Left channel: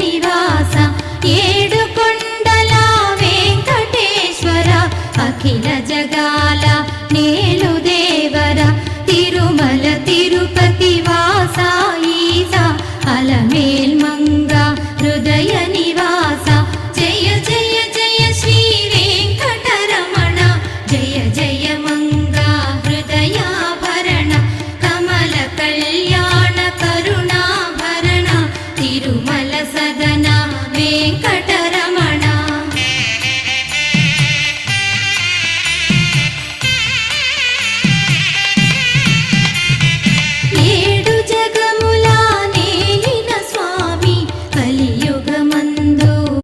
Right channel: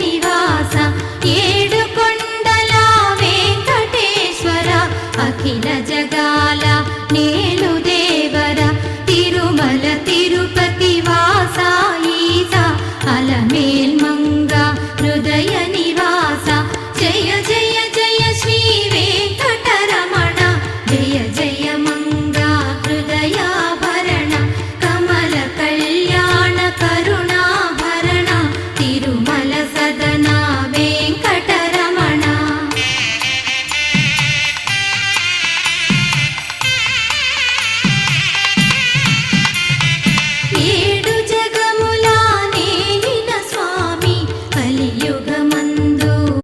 నివాస ఏడు కొండల వెంకటేశ్వర అఖిల జగాల నేలు దేవర తిరుమల తిరుపతి వాస ఈస అలమేల్ మంగ హృదయ నివాస జయ జయ జయ శ్రీ వెంకటరమణ జయ జయ మంగ హృదయాభరణ కమల కళ్యాణ కరుణాభరణ తిరుమల సదన వెంకటరమణ ఏడు జగముల నేలిన స్వామి కలియుగమందు